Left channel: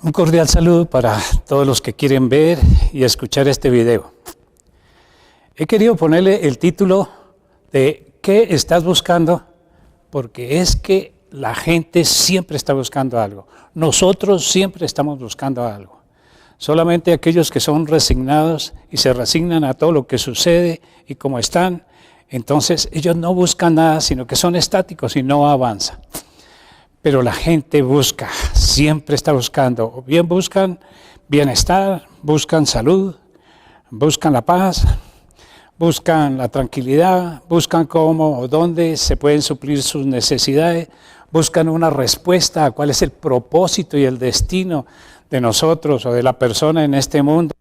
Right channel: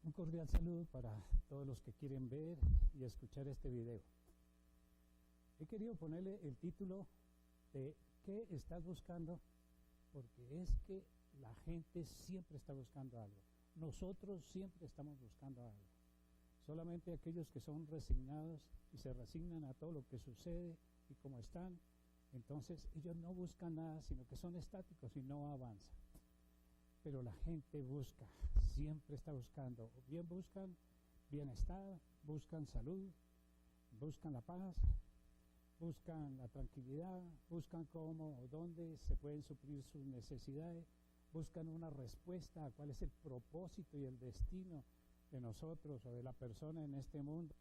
Un cordial saludo para todos los que quieren ver y escuchar este video. He querido ponerle el título de ¿qué estás buscando? Porque es que la gente siempre está buscando algo. Nosotros siempre estamos buscando algo. Solamente aquellos que son resignados y se resignan a todo lo que sucede y como están, entonces ellos no buscan nada, sino que son estáticos y no avanzan. Pero la gente busca, siempre está buscando, o bien buscan bienestar, buscan salud, buscan la paz, buscan la tranquilidad, buscan cómo o dónde se pueden suplir sus necesidades, buscan una respuesta a cuál es el propósito y el destino de nosotros o de la persona en este mundo,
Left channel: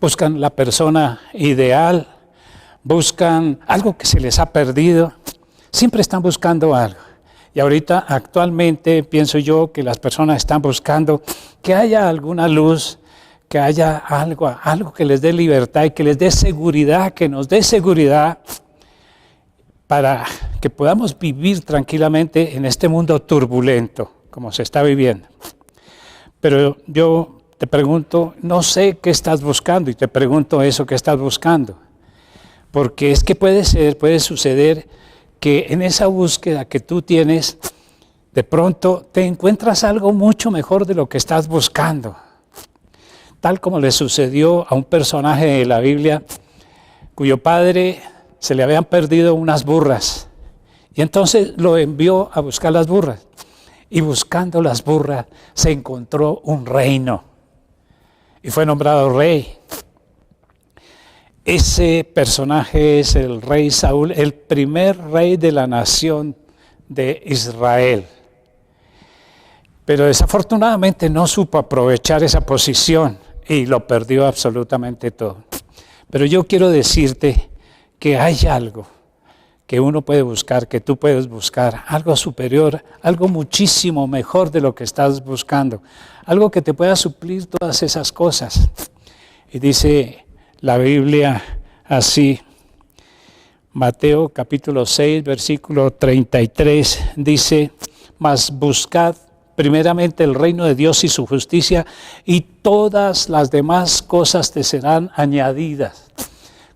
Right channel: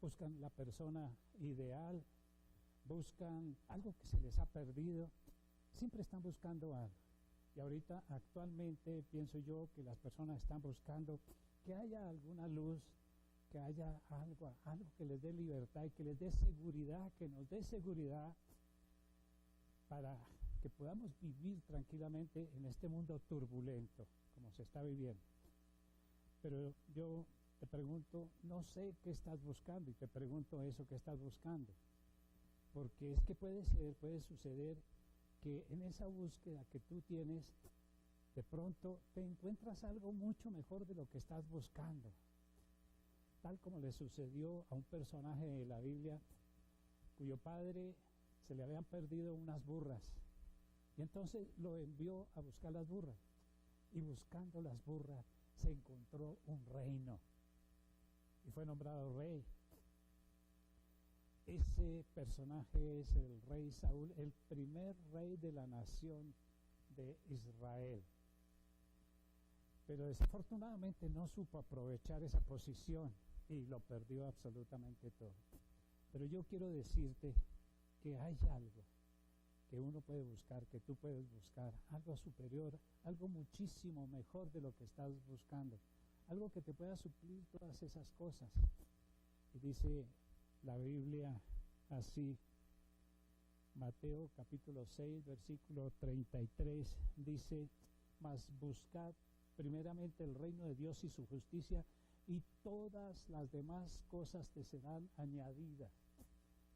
buscan la persona ideal, buscan algo que se les ha perdido, siempre están buscando algo. Y ahorita actualmente pienso yo que las personas están buscando que haya alguna luz, que haya algo que les dé libertad y que les dé seguridad, que nos dé seguridad para que podamos vivir tranquilamente en este mundo turbulento, como se está viviendo. Pero yo te pregunto, no sé qué estás buscando y te pregunto eso que estás buscando. Porque es que puede suceder que en esa búsqueda que tú tienes, de pronto te encuentras algo mucho mejor de lo que estás buscando. Tal como le sucedió a un personaje de la Biblia, cuyo padre se le habían perdido unas burras. Y entonces lo envió a buscar las burras. Y buscando las burras se encontró un reino. Y fue nombrado rey. Ese personaje es el rey Saúl, el primer rey de la nación de Israel. Pero desafortunadamente no supo aprovechar esa posición y lo perdió absolutamente todo. Pero yo quiero decirte que hay algo que uno puede buscar, que tú puedes buscar, algo superior, algo muchísimo mejor de lo que estás buscando, algo que te pueda suplir todas esas cosas. Y dice la Biblia así, Mateo capítulo 6, versículo 33, dice, mas buscad primeramente el reino de Dios y su justicia, y todas las demás cosas te serán añadidas.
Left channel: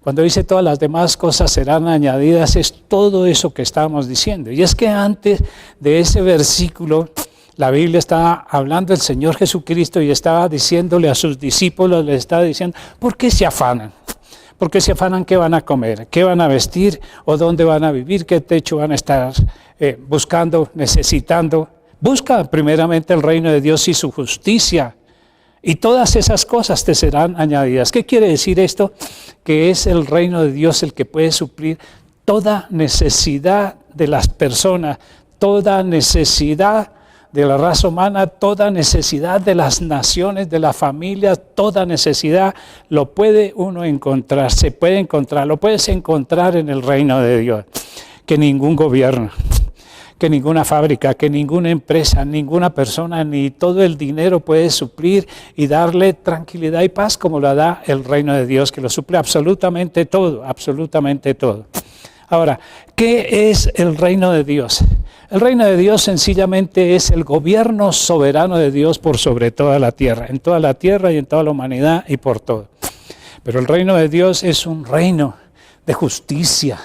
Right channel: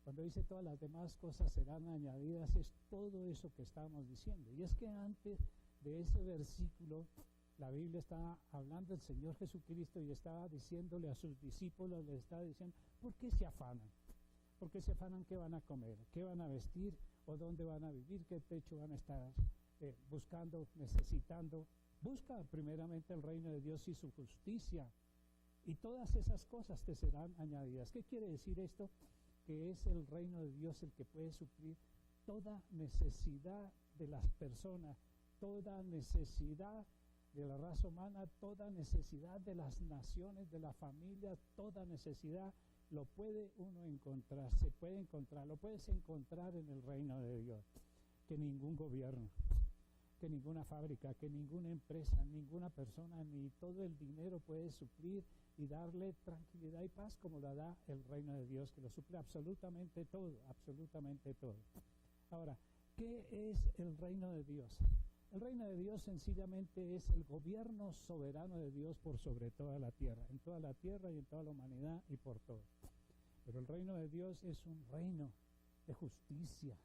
Cuando dice todas las demás cosas serán añadidas, es todo eso que estábamos diciendo. Y es que antes de ese versículo, la Biblia estaba hablando del Señor Jesucristo y estaba diciéndole a sus discípulos, les estaba diciendo, ¿por qué se afanan? ¿Por qué se afanan? ¿Qué van a comer? ¿Qué van a vestir? ¿O dónde van a vivir? ¿Qué techo van a estar buscando, necesitando? Busca primeramente el reino de Dios y su justicia, y todas esas cosas te serán añadidas. ¿Qué quiere decir esto? Que es el reino de Dios el que puede suplir toda necesidad de las personas, toda necesidad de la raza humana, toda necesidad de las naciones, de las familias, toda necesidad lo puede uno encontrar, se puede encontrar, lo puedes encontrar en el reino de Dios. Que ningún gobierno, que ninguna fábrica, que ninguna empresa, ninguna persona, ni todo el dinero puede suplir y darle tranquilidad y paz como la da el reino de Dios, que lo suple absolutamente todo, absolutamente todo. Ahora, ¿qué es el reino de Dios? El reino de Dios sencillamente es el gobierno soberano de Dios por sobre toda la tierra, en toda la tierra y en toda la humanidad y por todo. Pero el reino de Dios es un reino de justicia,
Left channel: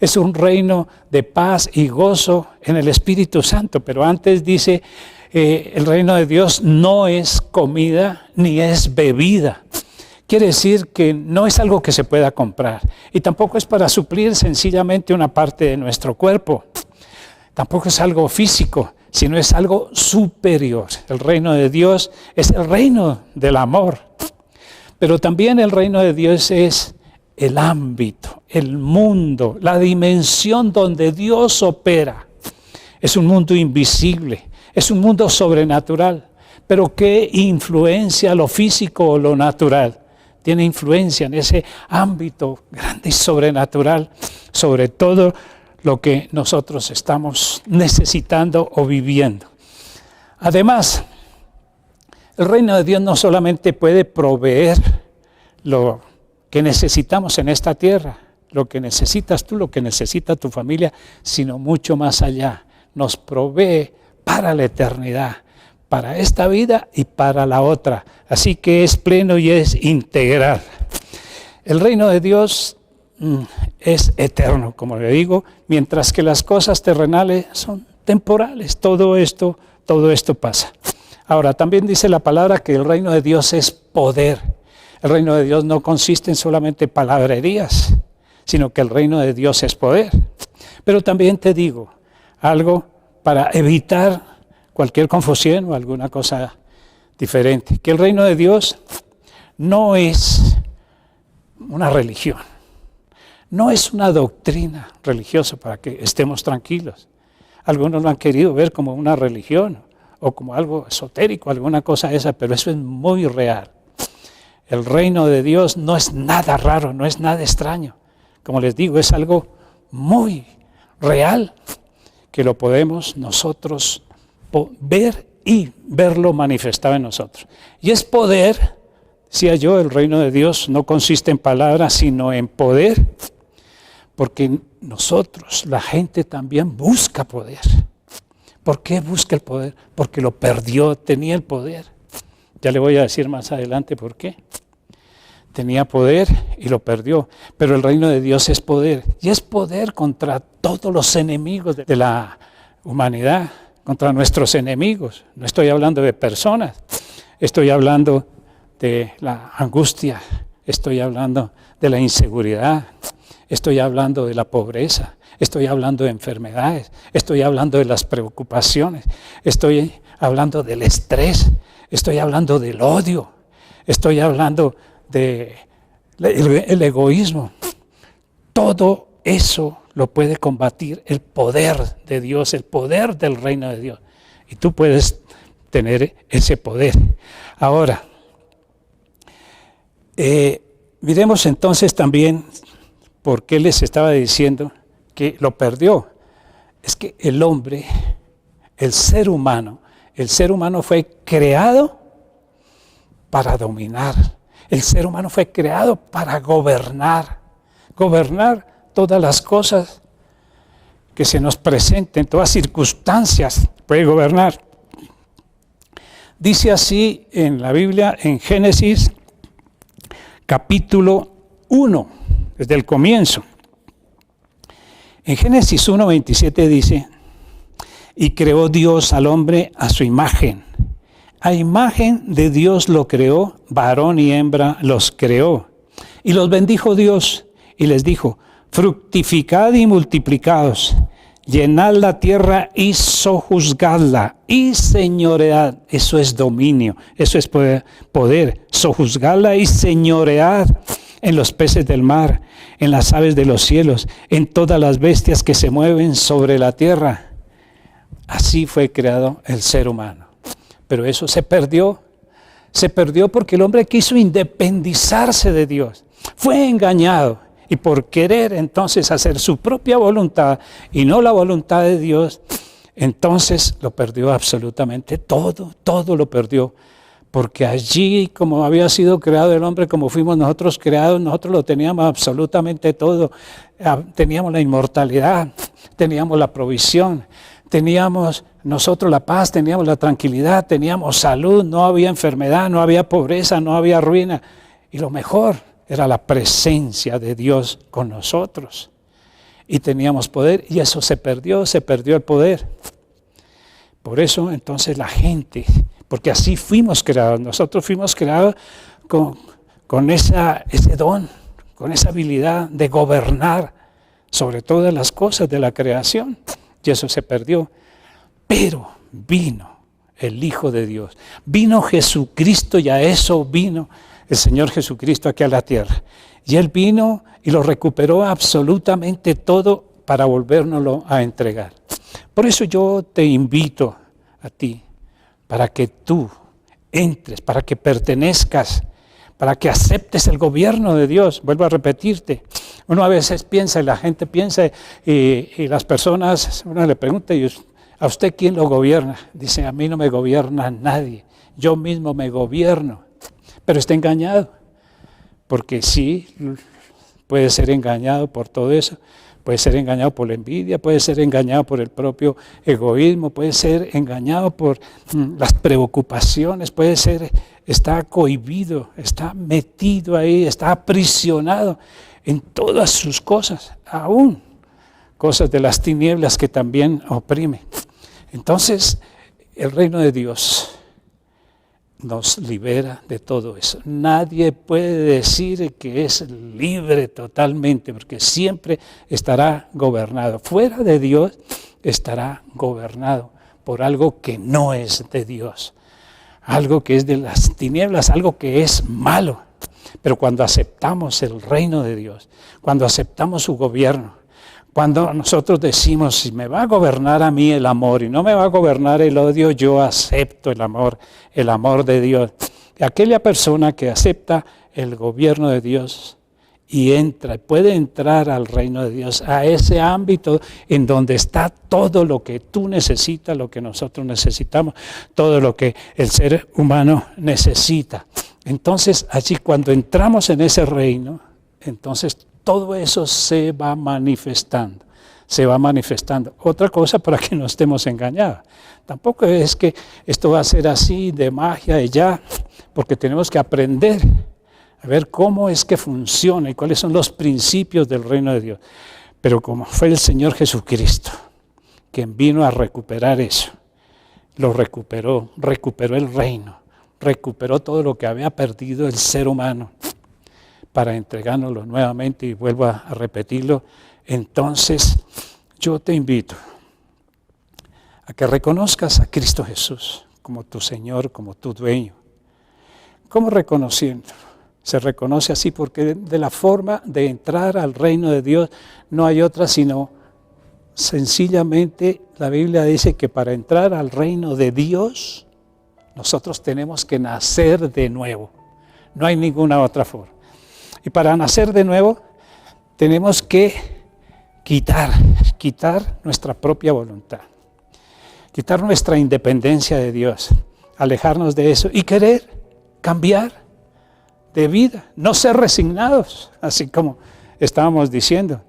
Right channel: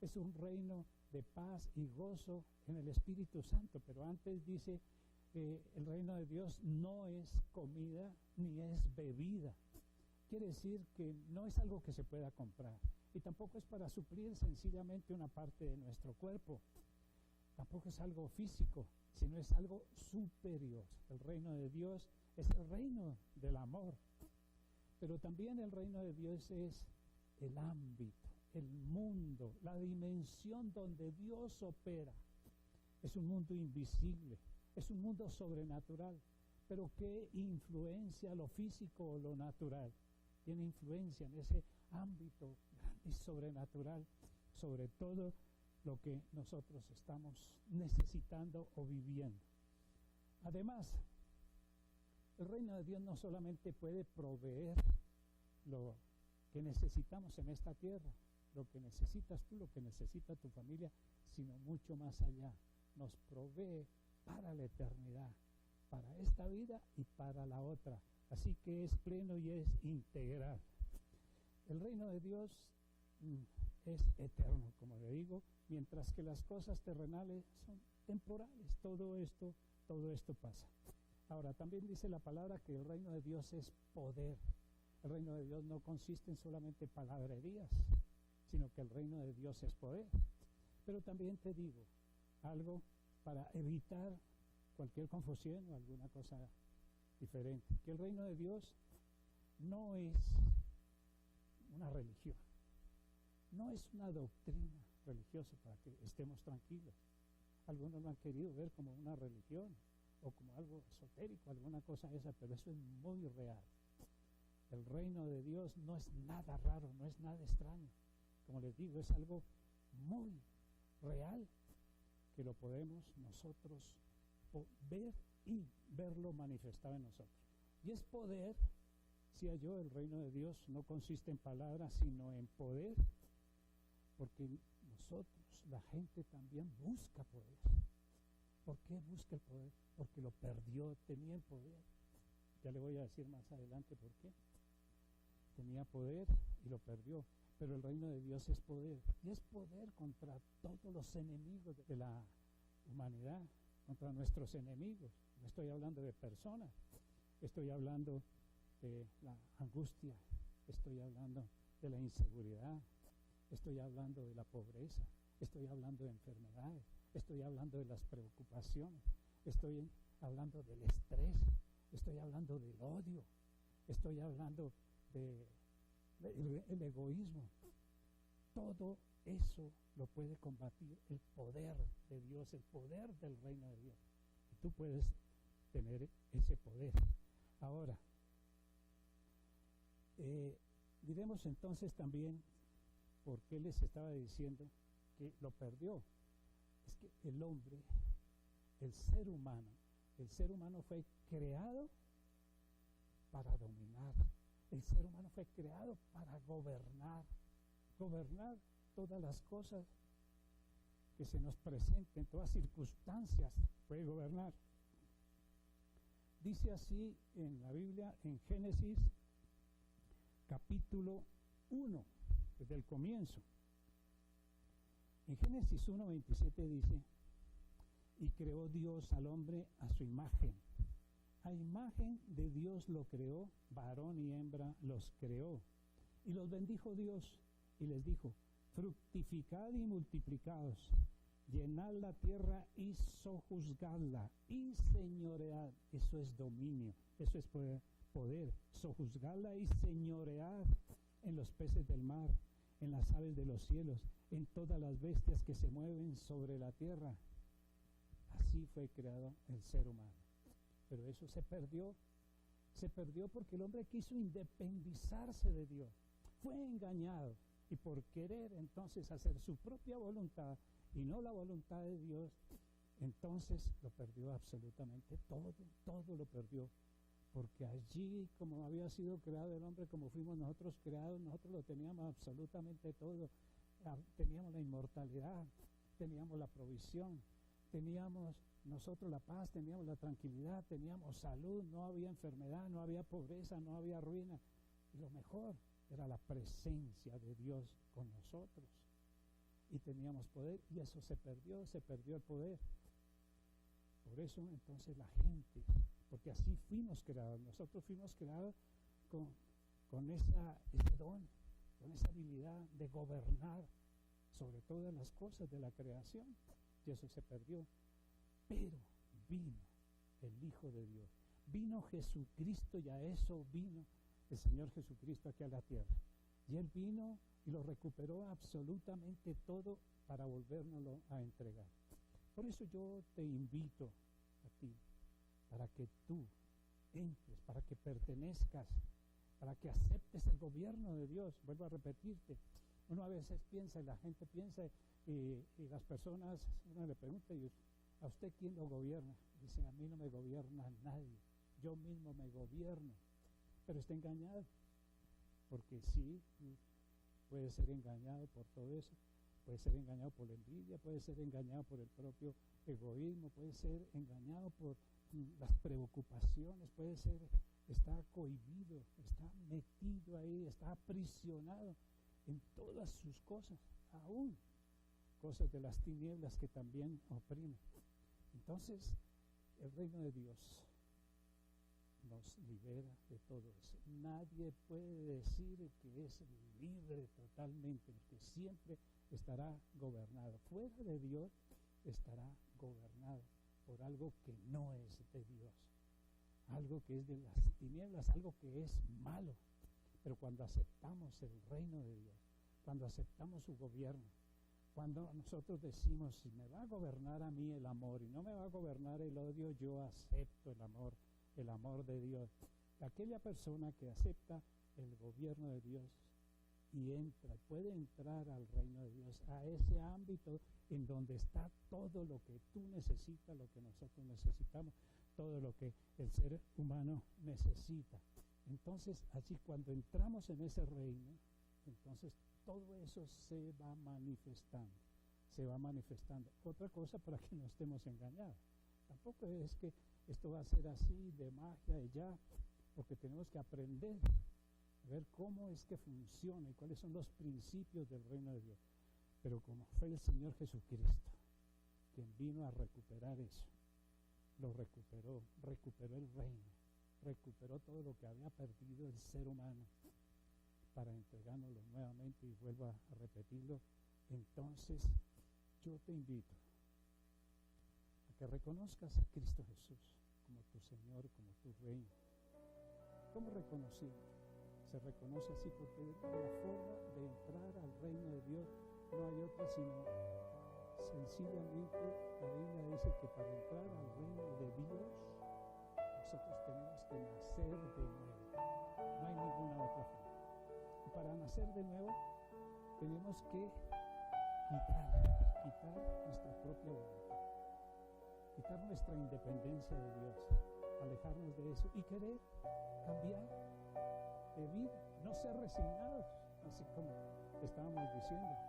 es un reino de paz y gozo en el Espíritu Santo. Pero antes dice, el reino de Dios no es comida ni es bebida. Quiere decir que no es algo que se pueda comprar y tampoco es para suplir sencillamente una parte de nuestro cuerpo. Tampoco es algo físico, sino es algo superior. El reino de Dios es el reino del amor, pero también el reino de Dios es el ámbito, el mundo, la dimensión donde Dios opera. Es un mundo invisible, es un mundo sobrenatural, pero ¿qué influencia lo físico o lo natural? Tiene influencia en ese ámbito grande y sobrenatural sobre todo lo que nosotros estamos necesitando o viviendo. Además, el reino de Dios no solamente puede proveer lo que necesitamos en esta tierra, lo que necesitas tú, lo que necesita tu familia, sino mucho más allá. Nos provee para la eternidad, para esta vida y para la otra. Así que es pleno y es integral. El reino de Dios es eterno, como le digo, mientras que las cosas terrenales son temporales. Todo esto pasa. Ahora, también dice la palabra que el reino de Dios es poder. El reino de Dios no consiste en solamente palabrerías, sino que el reino de Dios es poder. Pero también te digo algo para evitar cualquier confusión o alguna cosa diferente, que el reino de Dios no es una religión, no es una doctrina religiosa para que estemos tranquilos. Algunos lo han querido ver como una religión o como algo esotérico, alguna cosa esa, pero eso es muy real. El reino de Dios no es nada raro, no es nada extraño. Como les digo, es algo muy real que lo podemos nosotros ver y verlo manifestado en nosotros. Y es poder, decía yo, el reino de Dios no consiste en palabras, sino en poder, porque nosotros, la gente también busca poder. ¿Por qué busca el poder? Porque lo perdió, tenía el poder. Ya le voy a decir más adelante por qué. Tenía poder y lo perdió, pero el reino de Dios es poder, y es poder contra todos los enemigos de la humanidad, contra nuestros enemigos. No estoy hablando de personas, estoy hablando de la angustia, estoy hablando de la inseguridad, estoy hablando de la pobreza, estoy hablando de enfermedades, estoy hablando de las preocupaciones, estoy hablando del estrés, estoy hablando del odio, estoy hablando del egoísmo. Todo eso lo puede combatir el poder de Dios, el poder del reino de Dios. Y tú puedes tener ese poder. Ahora, miremos entonces también por qué les estaba diciendo que lo perdió. Es que el hombre, el ser humano fue creado para dominar. El ser humano fue creado para gobernar todas las cosas que se nos presenten, todas circunstancias, puede gobernar. Dice así en la Biblia, en Génesis, capítulo 1, desde el comienzo. En Génesis 1:27 dice, y creó Dios al hombre a su imagen. A imagen de Dios lo creó, varón y hembra los creó. Y los bendijo Dios y les dijo, fructificad y multiplicaos, llenad la tierra y sojuzgadla, y señoread. Eso es dominio, eso es poder, sojuzgadla y señoread en los peces del mar, en las aves de los cielos, en todas las bestias que se mueven sobre la tierra. Así fue creado el ser humano. Pero eso se perdió porque el hombre quiso independizarse de Dios. Fue engañado y por querer entonces hacer su propia voluntad y no la voluntad de Dios, entonces lo perdió absolutamente todo lo perdió. Porque allí, como había sido creado el hombre, como fuimos nosotros creados, nosotros lo teníamos absolutamente todo. Teníamos la inmortalidad, teníamos la provisión, teníamos nosotros la paz, teníamos la tranquilidad, teníamos salud, no había enfermedad, no había pobreza, no había ruina. Y lo mejor era la presencia de Dios con nosotros. Y teníamos poder, y eso se perdió el poder. Por eso entonces la gente, porque así fuimos creados, nosotros fuimos creados con ese don, con esa habilidad de gobernar sobre todas las cosas de la creación, y eso se perdió. Pero vino el Hijo de Dios, vino Jesucristo, y a eso vino el Señor Jesucristo aquí a la tierra. Y Él vino y lo recuperó absolutamente todo para volvérnoslo a entregar. Por eso yo te invito a ti, para que tú entres, para que pertenezcas, para que aceptes el gobierno de Dios. Vuelvo a repetirte, uno a veces piensa, y la gente piensa, y las personas, uno le pregunta, ¿a usted quién lo gobierna? Dice, a mí no me gobierna nadie, yo mismo me gobierno. Pero está engañado, porque sí, puede ser engañado por todo eso, Puede ser engañado por la envidia, puede ser engañado por el propio egoísmo, puede ser engañado por las preocupaciones, puede ser, está cohibido, está metido ahí, está aprisionado en todas sus cosas, aún cosas de las tinieblas que también oprime. Entonces, el reino de Dios nos libera de todo eso. Nadie puede decir que es libre totalmente, porque siempre estará gobernado. Fuera de Dios estará gobernado por algo que no es de Dios, algo que es de las tinieblas, algo que es malo. Pero cuando aceptamos el reino de Dios, cuando aceptamos su gobierno, cuando nosotros decimos, si me va a gobernar a mí el amor y no me va a gobernar el odio, yo acepto el amor de Dios. Aquella persona que acepta el gobierno de Dios y puede entrar al reino de Dios, a ese ámbito en donde está todo lo que tú necesitas, lo que nosotros necesitamos, todo lo que el ser humano necesita. Entonces, allí cuando entramos en ese reino, entonces todo eso se va manifestando. Otra cosa para que no estemos engañados. Tampoco es que esto va a ser así de magia y ya, porque tenemos que aprender a ver cómo es que funciona y cuáles son los principios del reino de Dios. Pero como fue el Señor Jesucristo quien vino a recuperar eso, lo recuperó el reino, recuperó todo lo que había perdido el ser humano para entregárnoslo nuevamente, y vuelvo a repetirlo. Entonces yo te invito a que reconozcas a Cristo Jesús como tu Señor, como tu dueño. ¿Cómo reconociendo? Se reconoce así porque de la forma de entrar al reino de Dios no hay otra sino sencillamente la Biblia dice que para entrar al reino de Dios nosotros tenemos que nacer de nuevo. No hay ninguna otra forma. Y para nacer de nuevo tenemos que quitar nuestra propia voluntad, quitar nuestra independencia de Dios, alejarnos de eso y querer cambiar de vida, no ser resignados, así como estábamos diciendo,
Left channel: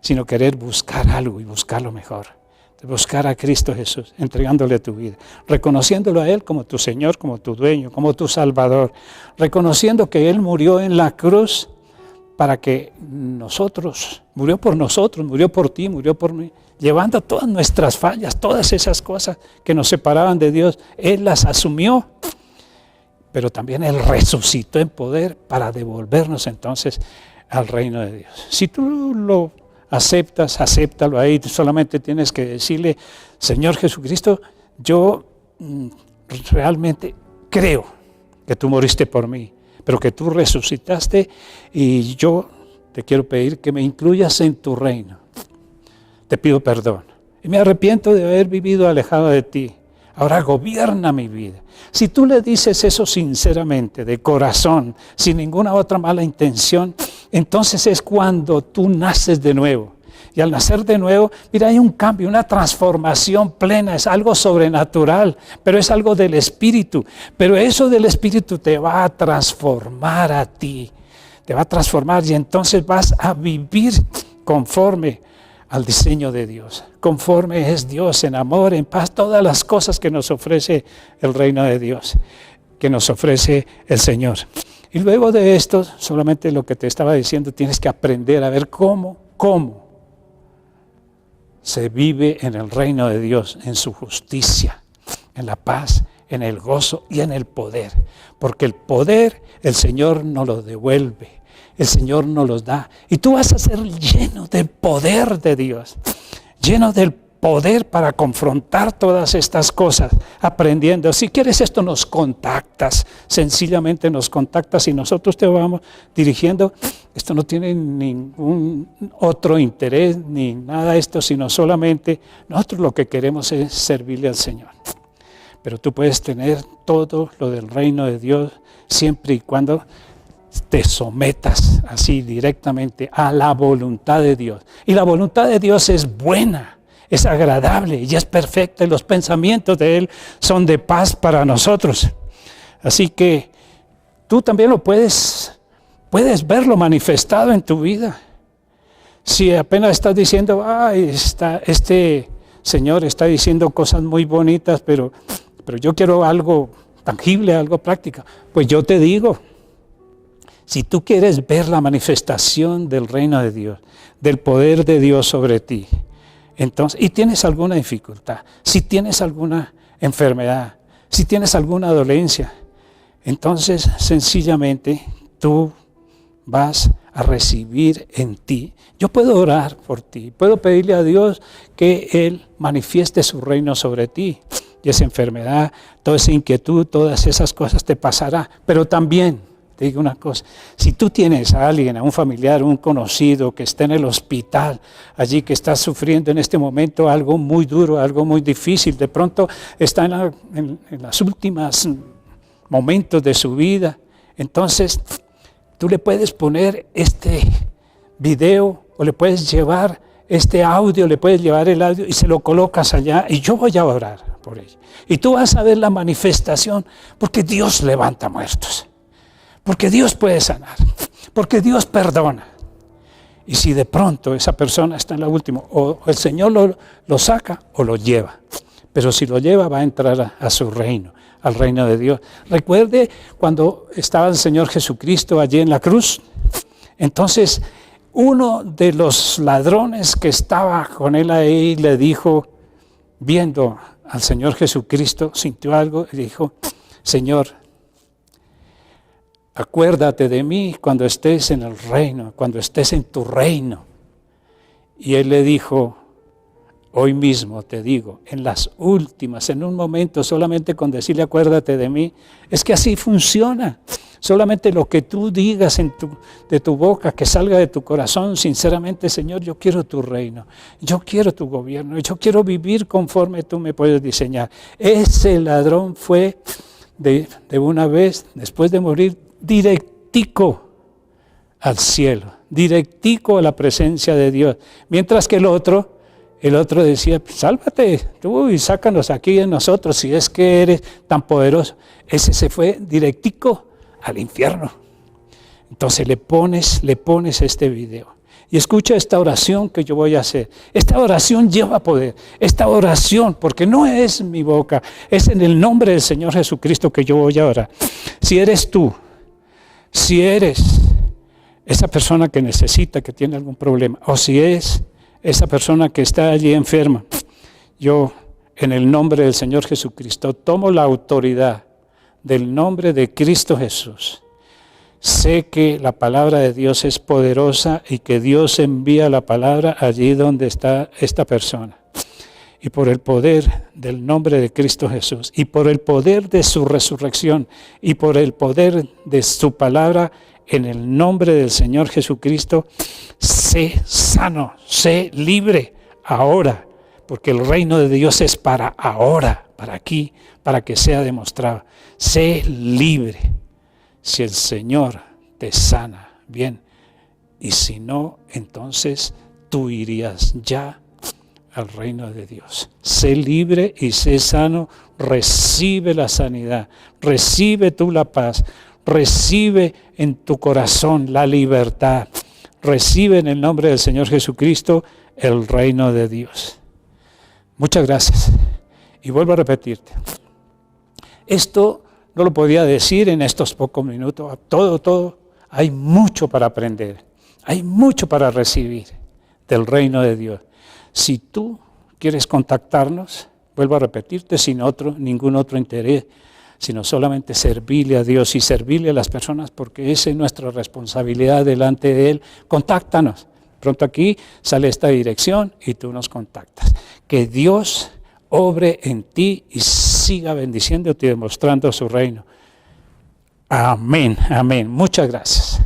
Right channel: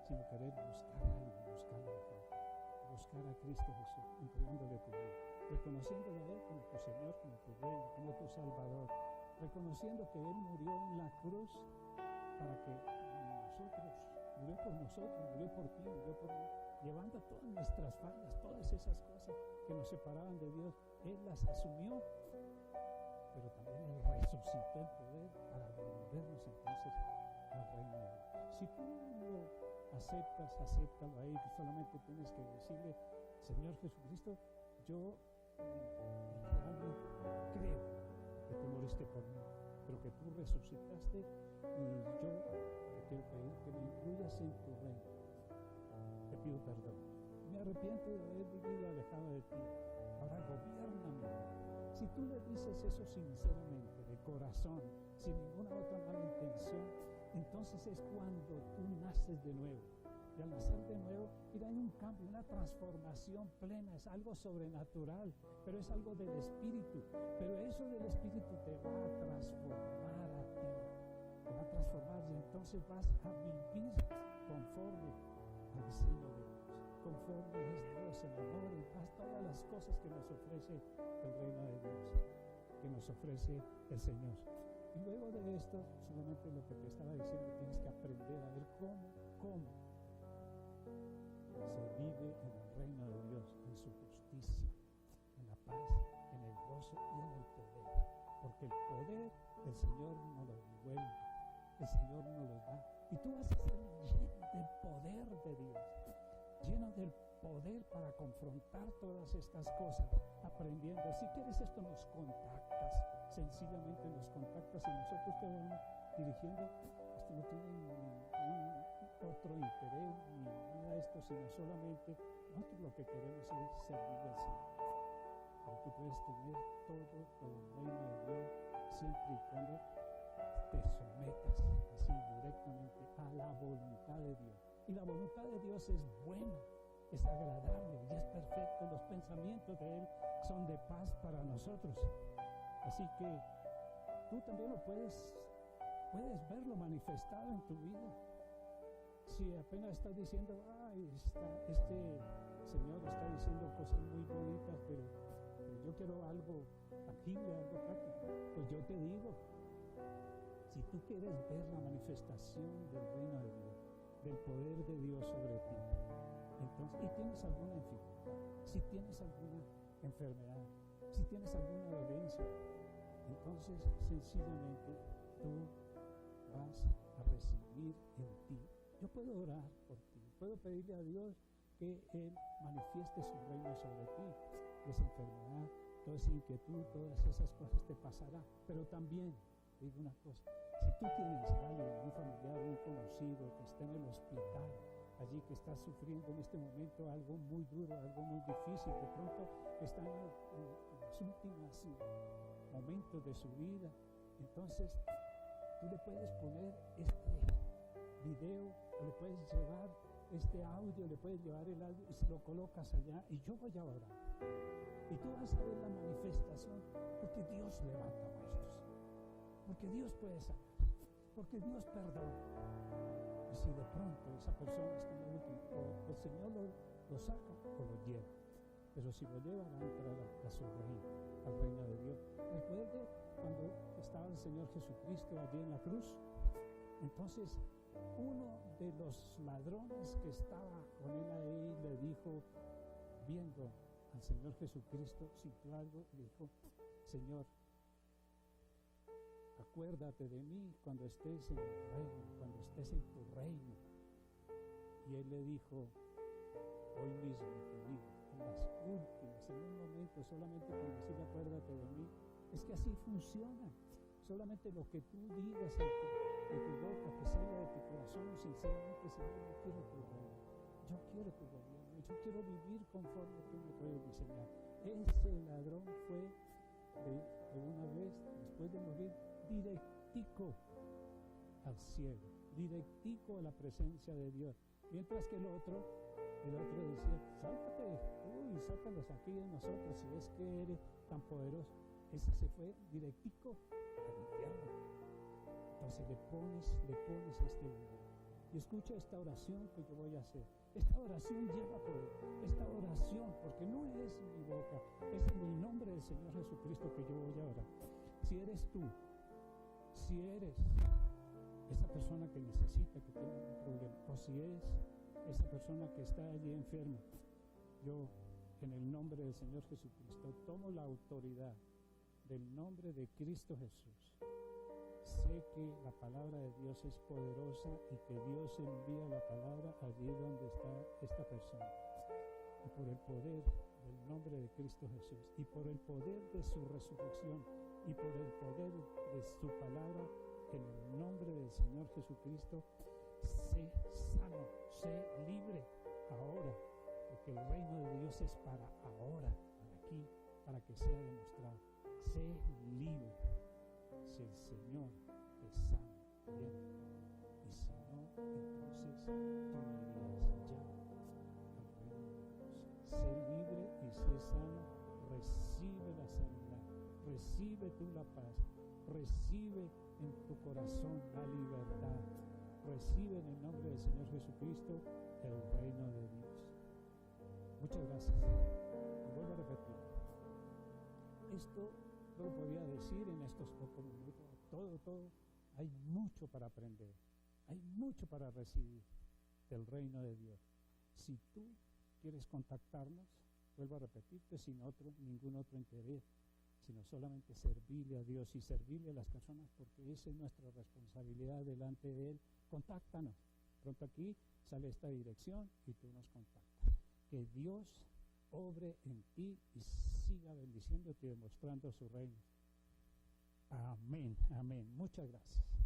sino querer buscar algo y buscar lo mejor, buscar a Cristo Jesús, entregándole tu vida, reconociéndolo a Él como tu Señor, como tu dueño, como tu Salvador, reconociendo que Él murió en la cruz para que murió por ti, murió por mí, llevando todas nuestras fallas, todas esas cosas que nos separaban de Dios, Él las asumió, pero también Él resucitó en poder para devolvernos entonces al reino de Dios. Si tú lo aceptas, acéptalo ahí, tú solamente tienes que decirle, Señor Jesucristo, yo realmente creo que tú moriste por mí, pero que tú resucitaste y yo te quiero pedir que me incluyas en tu reino. Te pido perdón y me arrepiento de haber vivido alejado de ti. Ahora gobierna mi vida. Si tú le dices eso sinceramente, de corazón, sin ninguna otra mala intención, entonces es cuando tú naces de nuevo. Y al nacer de nuevo, mira, hay un cambio, una transformación plena, es algo sobrenatural, pero es algo del Espíritu. Pero eso del Espíritu te va a transformar a ti, te va a transformar y entonces vas a vivir conforme al diseño de Dios. Conforme es Dios, en amor, en paz, todas las cosas que nos ofrece el reino de Dios, que nos ofrece el Señor. Y luego de esto, solamente lo que te estaba diciendo, tienes que aprender a ver cómo se vive en el reino de Dios, en su justicia, en la paz, en el gozo y en el poder. Porque el poder el Señor nos lo devuelve, el Señor nos los da. Y tú vas a ser lleno del poder de Dios, lleno del poder para confrontar todas estas cosas, aprendiendo. Si quieres esto, nos contactas, sencillamente nos contactas y nosotros te vamos dirigiendo. Esto no tiene ningún otro interés ni nada de esto, sino solamente nosotros lo que queremos es servirle al Señor. Pero tú puedes tener todo lo del reino de Dios siempre y cuando te sometas así directamente a la voluntad de Dios. Y la voluntad de Dios es buena, es agradable y es perfecta, y los pensamientos de Él son de paz para nosotros. Así que tú también lo puedes verlo manifestado en tu vida. Si apenas estás diciendo, este Señor está diciendo cosas muy bonitas, pero yo quiero algo tangible, algo práctico. Pues yo te digo, si tú quieres ver la manifestación del reino de Dios, del poder de Dios sobre ti, entonces, y tienes alguna dificultad, si tienes alguna enfermedad, si tienes alguna dolencia, entonces sencillamente tú vas a recibir en ti. Yo puedo orar por ti, puedo pedirle a Dios que Él manifieste su reino sobre ti. Y esa enfermedad, toda esa inquietud, todas esas cosas te pasará. Pero también, te digo una cosa, si tú tienes a alguien, a un familiar, un conocido que está en el hospital, allí que está sufriendo en este momento algo muy duro, algo muy difícil, de pronto está en las últimas momentos de su vida, entonces tú le puedes poner este video o le puedes llevar este audio, le puedes llevar el audio y se lo colocas allá y yo voy a orar por ella. Y tú vas a ver la manifestación porque Dios levanta muertos, porque Dios puede sanar, porque Dios perdona. Y si de pronto esa persona está en la última, o el Señor lo saca o lo lleva, pero si lo lleva va a entrar a su reino, al reino de Dios. Recuerde cuando estaba el Señor Jesucristo allí en la cruz, entonces uno de los ladrones que estaba con él ahí le dijo, viendo al Señor Jesucristo, sintió algo y dijo, Señor, acuérdate de mí cuando estés en el reino, cuando estés en tu reino. Y él le dijo, hoy mismo te digo, en las últimas, en un momento, solamente con decirle acuérdate de mí, es que así funciona. Solamente lo que tú digas de tu boca, que salga de tu corazón, sinceramente, Señor, yo quiero tu reino, yo quiero tu gobierno, yo quiero vivir conforme tú me puedes diseñar. Ese ladrón fue de una vez, después de morir, directico al cielo, directico a la presencia de Dios. Mientras que el otro decía, sálvate tú y sácanos aquí de nosotros si es que eres tan poderoso. Ese se fue directico al infierno. Entonces le pones este video y escucha esta oración que yo voy a hacer. Esta oración lleva poder, esta oración, porque no es mi boca, es en el nombre del Señor Jesucristo que yo voy a orar. Si eres tú, si eres esa persona que necesita, que tiene algún problema, o si es esa persona que está allí enferma, yo en el nombre del Señor Jesucristo tomo la autoridad del nombre de Cristo Jesús. Sé que la palabra de Dios es poderosa y que Dios envía la palabra allí donde está esta persona. Y por el poder del nombre de Cristo Jesús, y por el poder de su resurrección, y por el poder de su palabra, en el nombre del Señor Jesucristo, sé sano, sé libre ahora, porque el reino de Dios es para ahora, para aquí, para que sea demostrado. Sé libre si el Señor te sana, bien, y si no, entonces tú irías ya al reino de Dios. Sé libre y sé sano, recibe la sanidad, recibe tú la paz, recibe en tu corazón la libertad, recibe en el nombre del Señor Jesucristo el reino de Dios. Muchas gracias. Y vuelvo a repetirte, esto no lo podía decir en estos pocos minutos, todo, hay mucho para aprender, hay mucho para recibir del reino de Dios. Si tú quieres contactarnos, vuelvo a repetirte, sin ningún otro interés, sino solamente servirle a Dios y servirle a las personas, porque esa es nuestra responsabilidad delante de Él. Contáctanos. Pronto aquí sale esta dirección y tú nos contactas. Que Dios obre en ti y siga bendiciéndote y demostrando su reino. Amén, amén. Muchas gracias.